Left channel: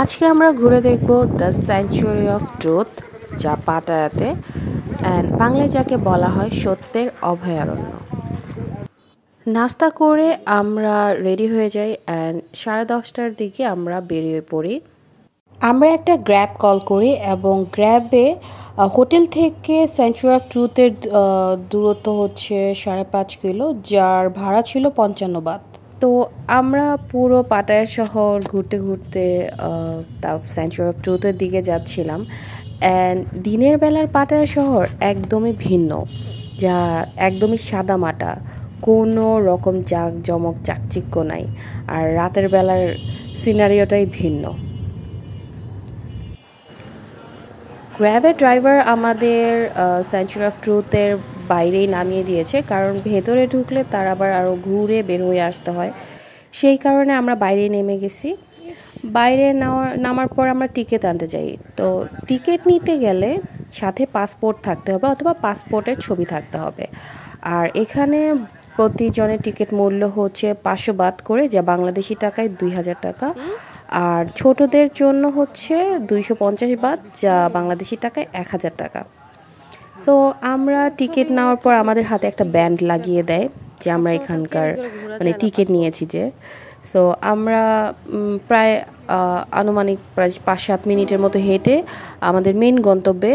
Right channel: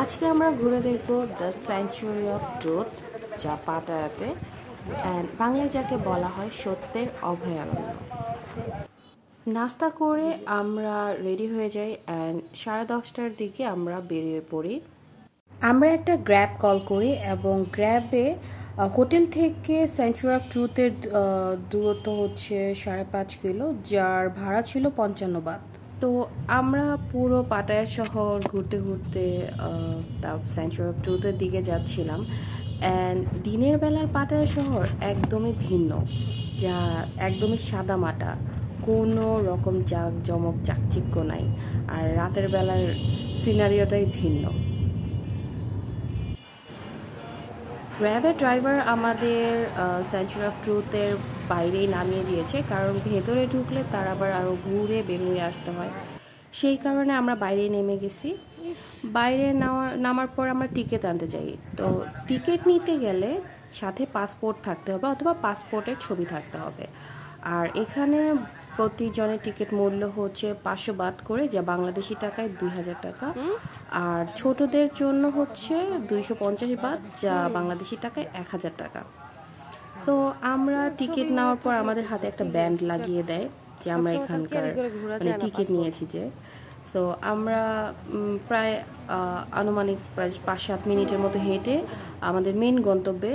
আজকে আমরা ঘুরে দেখব দ্য স্যাংচুয়ারি অফ ট্রুথ, যা পাটায়াতে, অ্যান্ড বাংলায় যাকে বলা হয় সত্যের অভয়ারণ্য। নাস্তা করে আমরা রেডি হয়ে যাই অ্যান্ড 10:30টার দিকে আমরা বেরিয়ে পড়ি। আমরা একটা গ্র্যাব কল করি এবং গ্র্যাবে হোটেল থেকে স্যাংচুয়ারি অফ ট্রুথের দূরত্ব হচ্ছে 5.5 কিলো, যার ভাড়া ছিল 55 বাত। তো আমরা পুরো পাটায়া শহর ঘুরতে ঘুরতে স্যাংচুয়ারি অফ ট্রুথের দিকে যাচ্ছিলাম। অ্যান্ড দিনের বেলার পাটায়া শহর একদমই ভিন্ন, যা একদমই সাদামাটা, কোনো রকম জাঁকজমক চাকচিক্য নাই। আর রাতের বেলার সিনারিওটাই ভিন্ন। গ্র্যাবের ড্রাইভার আমাদের স্যাংচুয়ারি অফ ট্রুথের বাইরেই নামিয়ে দিয়েছে, কারণ ভেতরে ঢুকলে তার আবার আরও ঘুরে বের হয়ে আসতে হয়। সেই কারণে আমরা বাইরে নেমে গেছি। বাইরে নামার পর আমরা টিকিট আনতে যাই। তো টিকিট নিতে গেলে সাথে পাসপোর্ট থাকতে হবে অথবা পাসপোর্টের ছবি থাকতে হবে। আর এখানে প্রতিজনের টিকিট মূল্য হচ্ছে 500 বাত করে, যা বাংলাদেশি টাকায় 2000 টাকা। আর ছোটদের জন্য হচ্ছে 250 বাত, যা বাংলাদেশি টাকায় 1000 টাকা। সো আমরা টিকিট নেওয়ার পর আমাদের হাতে একটা ব্যান্ড লাগিয়ে দেয় যে আমরা এখানকার টিকিট নিয়েছি যে। সো আমরা প্রায় আনুমানিক প্রায় 5-7 মিনিটের মতো হেঁটে আমাদের মেন গন্তব্যে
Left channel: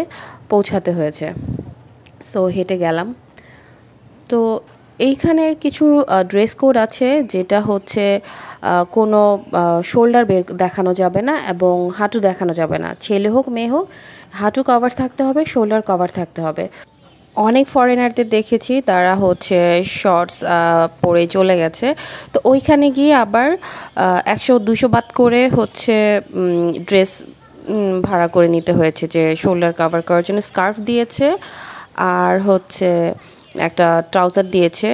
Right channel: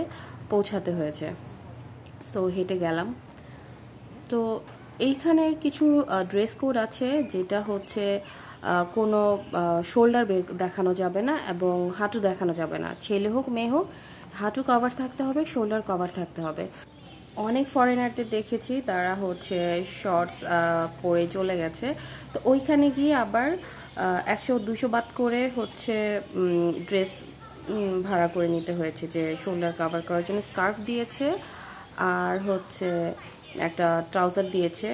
পৌঁছাতে হয়েছে। সো হেঁটে গেলাম। তো এইখানের কিছু ড্রেস কোড আছে, যেটা হচ্ছে কোনো শোল্ডার দেখানো যাবে না এবং হাঁটু দেখানো যাবে না। ছেলে হোক মেয়ে হোক, হাঁটু কভার থাকতে হবে, শোল্ডার কভার থাকতে হবে। অনেক ফরেনারদের দেখেছি তারা হচ্ছে শর্টস পরে চলে গেছে। তো ওইখানে গিয়ে আবার 100-200 বাত করে হচ্ছে ড্রেস ভাড়া করে নিতে হয়েছে, যে শোল্ডার কভার করার জন্য স্কার্ফ দিয়েছে আর হচ্ছে একটা ট্রাউজার দিয়েছে,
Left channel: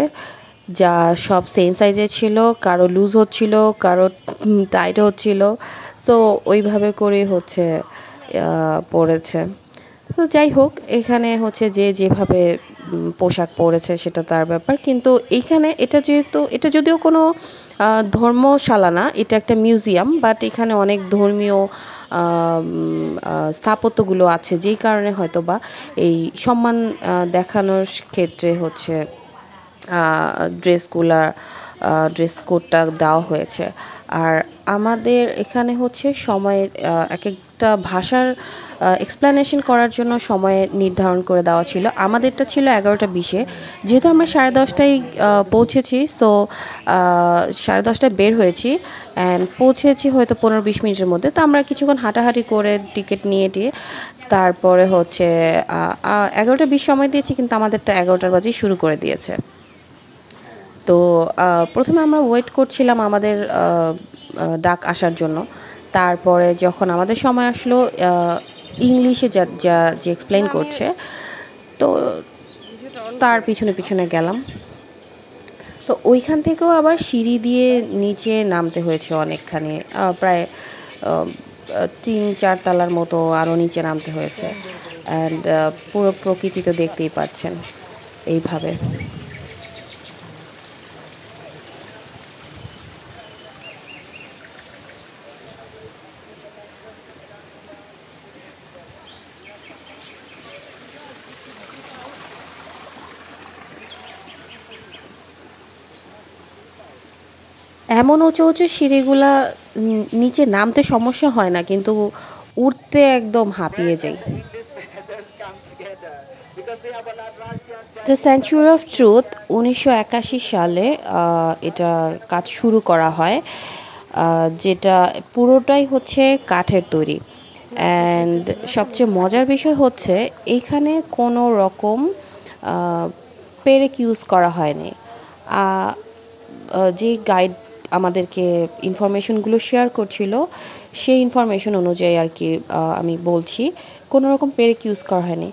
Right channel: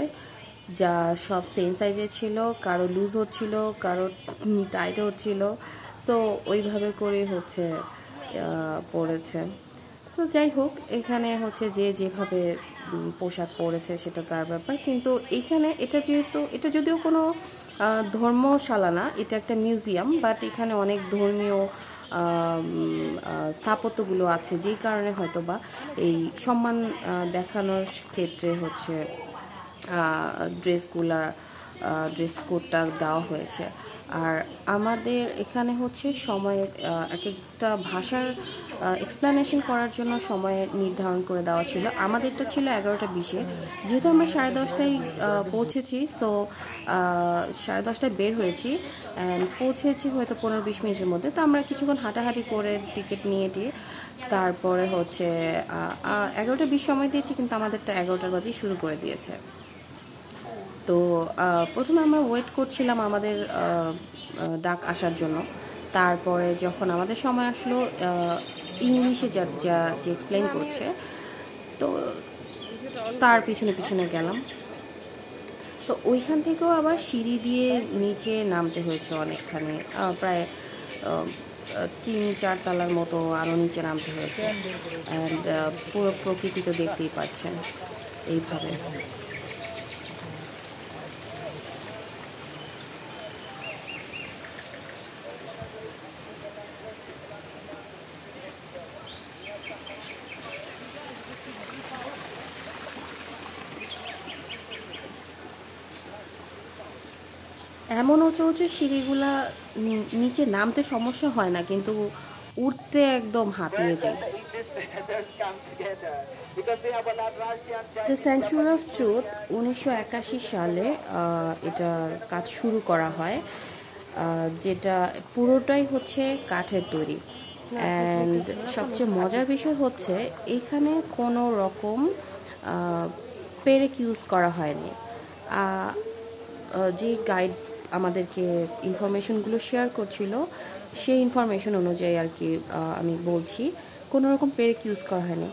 যা সব সেম সাইজে ছিল, কারো লুজ হচ্ছিল, কারো টাইট হচ্ছিল। সো ওইভাবে করে হচ্ছে পরেছে। তো যাই হোক, এখানে হচ্ছে যে যেভাবে পোশাক পরেছে সেটা তার ব্যাপার। কিন্তু এইখানে এটা যদিও কোনো ধর্মশালা না, এটা একটা মিউজিয়াম, বাট এখানে অনেক ধর্মীয় স্থাপত্যগুলো আছে, যেই কারণে হয়তো বা এই সম্মান দেখানোর ক্ষেত্রে হচ্ছে ড্রেস কোডটা দেওয়া হয়েছে। আর আমাদের এখানে হচ্ছে সময়ের এক একটা ভাষার এক্সপ্লেনেশন করার জন্য সময় নির্ধারণ করে দেওয়া ছিল। আমাদেরটা ছিল 11:20। যেহেতু আমরা 10:30টায় পৌঁছেছি, সো 10:30টায় বের হয়েছি অ্যান্ড পৌঁছেছি হয়তো 15-20 মিনিটের মধ্যে। তো আমরা কিছুক্ষণ হাঁটাহাঁটি করে টিকিট নিয়ে তারপরে হচ্ছে 11:20 সময় দিয়েছি, কিন্তু আমাদেরটা 11টার বাজেই শুরু করে দিয়েছে। তো প্রথমে আমরা ওয়েট করছিলাম আমাদের ডাক আসার জন্য। তারপরে যখন আমাদের সময় আসলো, ইংলিশে যে এক্সপ্লেন করছে, তো তার পিছনে পিছনে গেলাম। তো ওইখান থেকেও আবার সিঁড়ি দিয়ে নিচে নামতে হয়েছে অনেকখানি, প্রায় 3-4 তলার মতো আরও নিচে নামতে হয়েছে। অ্যান্ড পুরো প্রকৃতি তো দেখতেই পাচ্ছেন এইভাবে। এমন উঁচু উঁচু সিঁড়িগুলা নিচে নামতে সমস্যা হয় না, কিন্তু উঠতে একদম হাঁপিয়ে যাই। দ্য স্যাংচুয়ারি অফ ট্রুথ 1981 সালে এটার কাজ শুরু করা হয়, যেটা পুরোটাই হচ্ছে কাঠের তৈরি। অ্যান্ড সবচেয়ে মজার বিষয় হচ্ছে এইখানে কোনো রকম পেরেক ইউজ করা হয়নি। যে গাইড আমাদেরকে ইনফরমেশনগুলো শেয়ার করছিল, সেই ইনফরমেশন অনুযায়ী আর কি আমি বলছি, কোনো রকম পেরেক ইউজ করা হয়নি।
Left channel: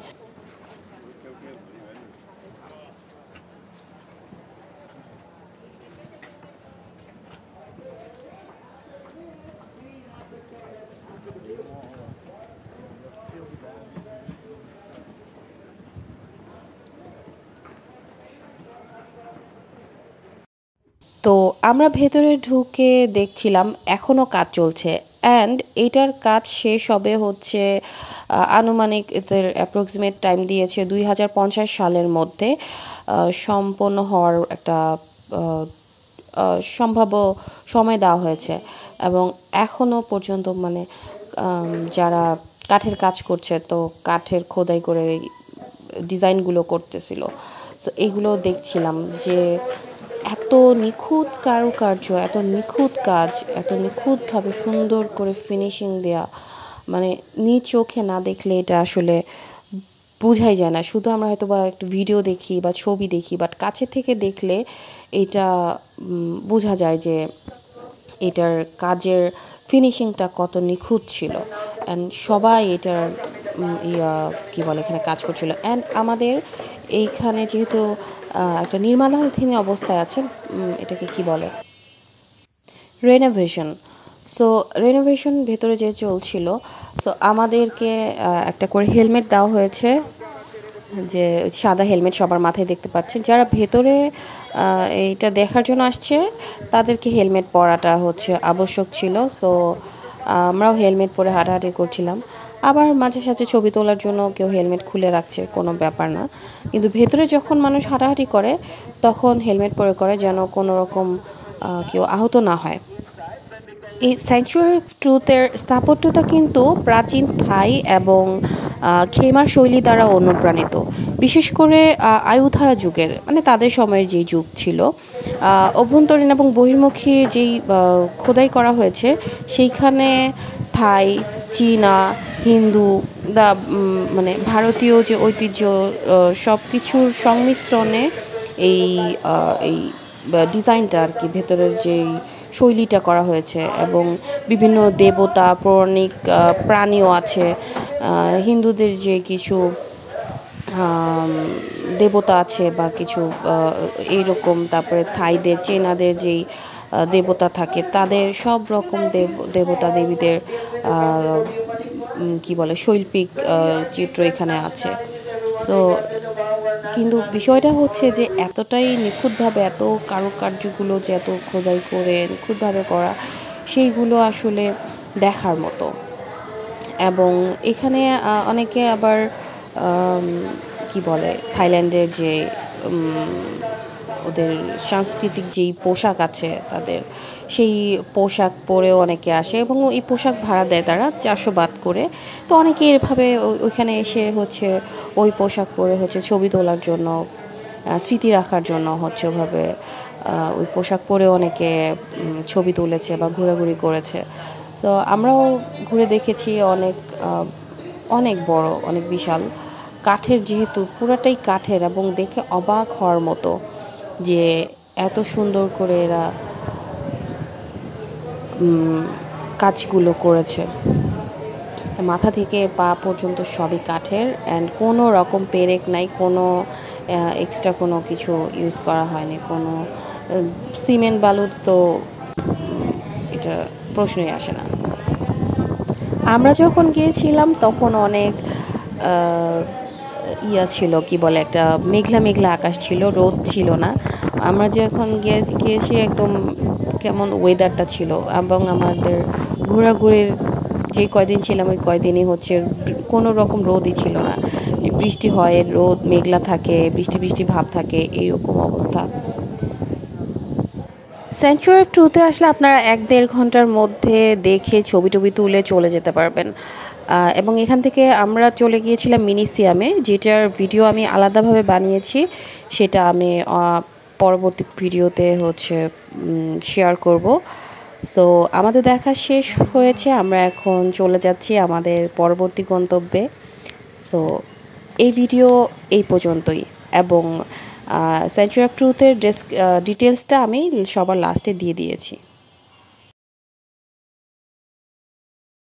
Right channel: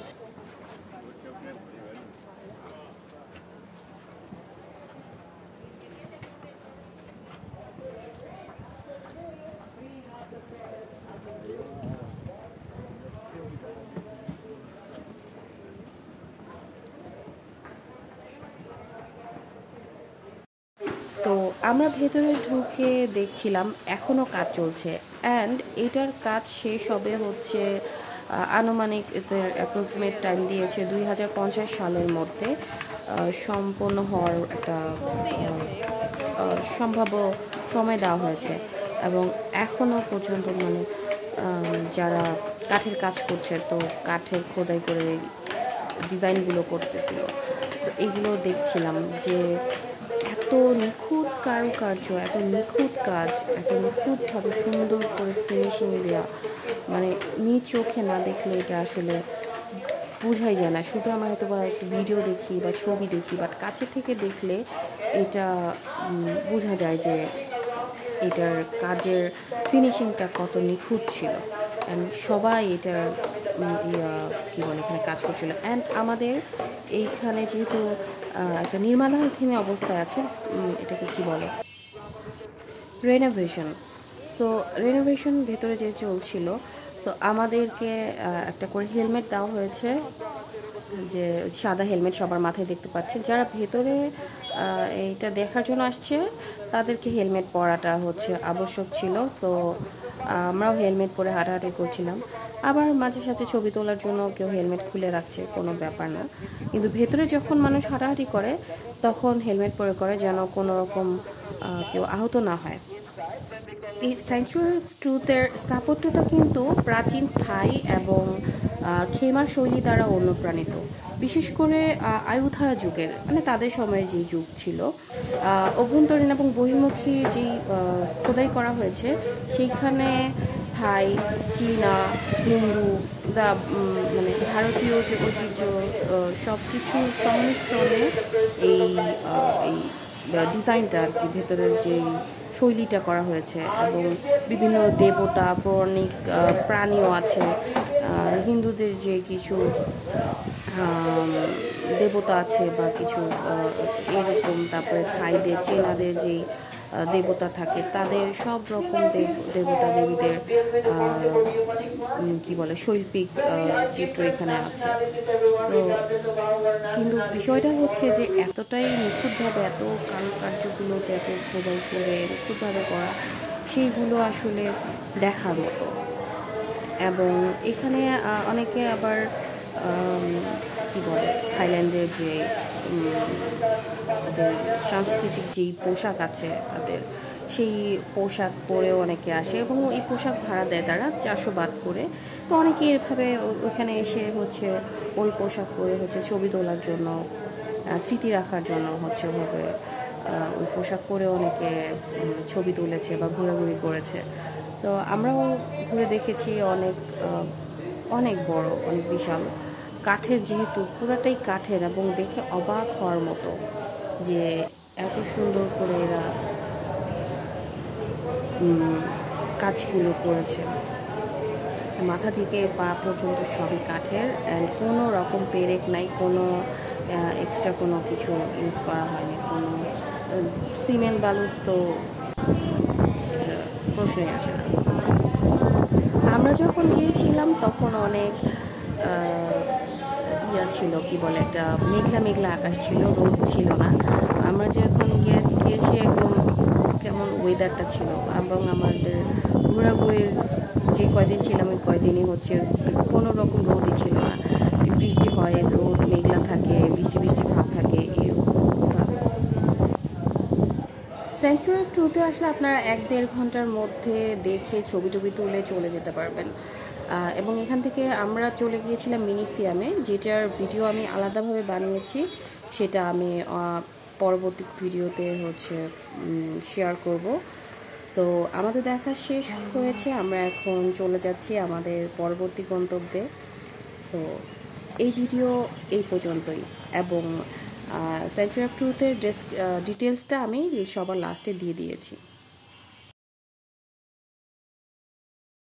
তো আমরা ভেতরে ঢুকে দেখছিলাম এখনও কাজ চলছে। অ্যান্ড এটার কাজ শেষ হবে হচ্ছে আনুমানিক এদের অ্যাপ্রক্সিমেট টাইম দিয়েছে 2050 সালের মধ্যে সম্পন্ন হওয়ার একটা সম্ভাব্য সময় দেওয়া হয়েছে। এবং এখনও পর্যন্ত মানে যারা কাঠের কাজ করছে, তো কাঠের খোদাই করে ডিজাইনগুলো করতেছিল। সো এগুলো দেখছিলাম যে এত নিখুঁত কারুকার্য, এত নিখুঁত কাজ, এত নিখুঁতভাবে সুন্দর করে ফিনিশিং দেওয়া, মানে নিজ চোখে না দেখলে এটা আসলে বোঝাই যায় না। শুধু আমরা হয়তো বা একটু ভিডিও দেখি বা ছবি দেখি, বাট কাছে থেকে দেখলে এটা বোঝা যায় যে এটার কাজের ফিনিশিংটা কত নিখুঁত ছিল। অ্যান্ড সবাই এটার কী বলে এখানে কাজ করছিল। অ্যান্ড আমাদের এইখানে যেহেতু একটা নির্মাণাধীন অবস্থায় আছে, এটাকে কি বলে, রেনোভেশন। সো রেনোভেশন ভেতরে যে চলছিল, সো আমাদেরকে একটা করে হেলমেট দেওয়া হয়েছে, যে সাদা হেলমেট সবার মাথায় দেখতে পাচ্ছেন। যারা ভেতরে এইটা দেখার জন্য আসছে তাদেরকে হেলমেট পরাটা হচ্ছে আবশ্যক ছিল। সো আমরাও হেলমেট পরে হাঁটাহাঁটি করছিলাম। আবার মাঝে সাঝে ছবি তোলার জন্য কেউ হেলমেট খুলে রাখছে, কোনো ব্যাপার না। কিন্তু ভেতরে যখন মানুষ হাঁটাহাঁটি করে তখন হেলমেট পরে করে, যেন কোনো রকম কেউ আহত না হয়। এই স্যাংচুয়ারি অফ ট্রুথের স্থাপত্যটা কিন্তু প্রাচীন থাই এবং খেমার শৈলী দ্বারা অনুপ্রাণিত, বিশেষ করে আয়ুধারা যুগের, মানে তাদের সময়ের যেই যুগ ছিল। অভ্যন্তরীণ এবং বহির্মুখী যেই খোদাই করা হয়েছে সেইখানে থাই, চীনা, হিন্দু মানে ভারতীয় যে ঐতিহ্য, সব কিছুর সংমিশ্রণে এই এই ডিজাইনটা আর কি, ভেতরের যেই শৈলীটা করা হয়েছে। এবং বিভিন্ন দেবতা, পৌরাণিক প্রাণীও আছে। হিন্দুদের যে কিছু দেবতা আছে বা কিছু এইরকম, তারপরে থাইদের, চীনাদের যেই দেবতা থাকে, তাদের সব রকম দেবতা দেবীদের কি বলে শৈল্পিক চিত্র এখানে আছে। সো কিন্তু বিষয়টা হচ্ছে যে এতটাই নিখুঁতভাবে, এত কারুকার্যগুলো যে এত খোদাই করে নিখুঁতভাবে করা, সেইগুলো আসলে দেখার মতো। এবং এখানে অনেকে আবার কি বলে থাইল্যান্ডের যে ওদের সাংস্কৃতিক যেই পোশাক আছে তাদের, সেই পোশাক পরেও অনেকে আসে এবং এই পোশাক ভাড়া দেয় তারা 400 বাত করে। তো অনেকে এভাবে ওইখানে এসে হচ্ছে ওই পোশাক পরে হচ্ছে ছবি তোলার জন্য, স্মৃতি রাখার জন্য হচ্ছে ওভাবে ওই পোশাক পরে অনেকে ছবি তুলেছে বা ঘোরাঘুরি করেছে। তো আমরাও ঘুরে দেখেছি, অনেক অনেক বড়, অনেক বিশাল, কাঠের, যেহেতু পুরাটাই কাঠের, এবং দেখে অবাক হওয়ার মতো যে এত সুন্দর করে এরা কাজগুলো করেছে। মাথা থেকে পা পর্যন্ত সবই কাঠের, অ্যান্ড কোনো রকম পেরেক নাই, কোনো এক্সট্রা কোনো কিছু ইউজ করা হয়নি, কোনো সিমেন্ট বালু তো এটা প্রশ্নই আসে না। আমরা যখন গিয়েছিলাম তখন অনেক ছিল, কি বলে, একটা মেঘলা মেঘলা আকাশ ছিল, রোদ ছিল না। আমরা যখন গিয়েছি একদম কেমন ওয়েদারটা ছিল। এবং আমাদের ঘোরাঘুরির যে কয়দিন ছিলাম ওই কয়দিনই হচ্ছে কোনো রকম রোদই ছিল না। বৃষ্টি হয়, রোদ, মেঘলা থাকে, বৃষ্টি বৃষ্টি ভাব থাকে, এইরকম অবস্থা। স্যাংচুয়ারি অফ ট্রুথে আসলে আপনারা 1-1.5 ঘন্টার মধ্যে দেখে ছবি টবি তুলে চলে যেতে পারবেন। এবং এখান থেকে আমরা চলে গিয়েছিলাম মিউজিয়ামে, যেটার ভিডিও আমি আলাদাভাবে বানিয়েছি, সেটা আমি পরবর্তী ভিডিওতে হচ্ছে শেয়ার করব। সো আমাদের দেখা শেষ হয়েছে, আমরা এখন চলে যাচ্ছি আমাদের পরবর্তী গন্তব্যে। সো এই ভিডিও এই পর্যন্তই, এবং স্যাংচুয়ারি অফ ট্রুথের ডিটেলসটা আমি সবার লাস্টে দিয়ে দিয়েছি।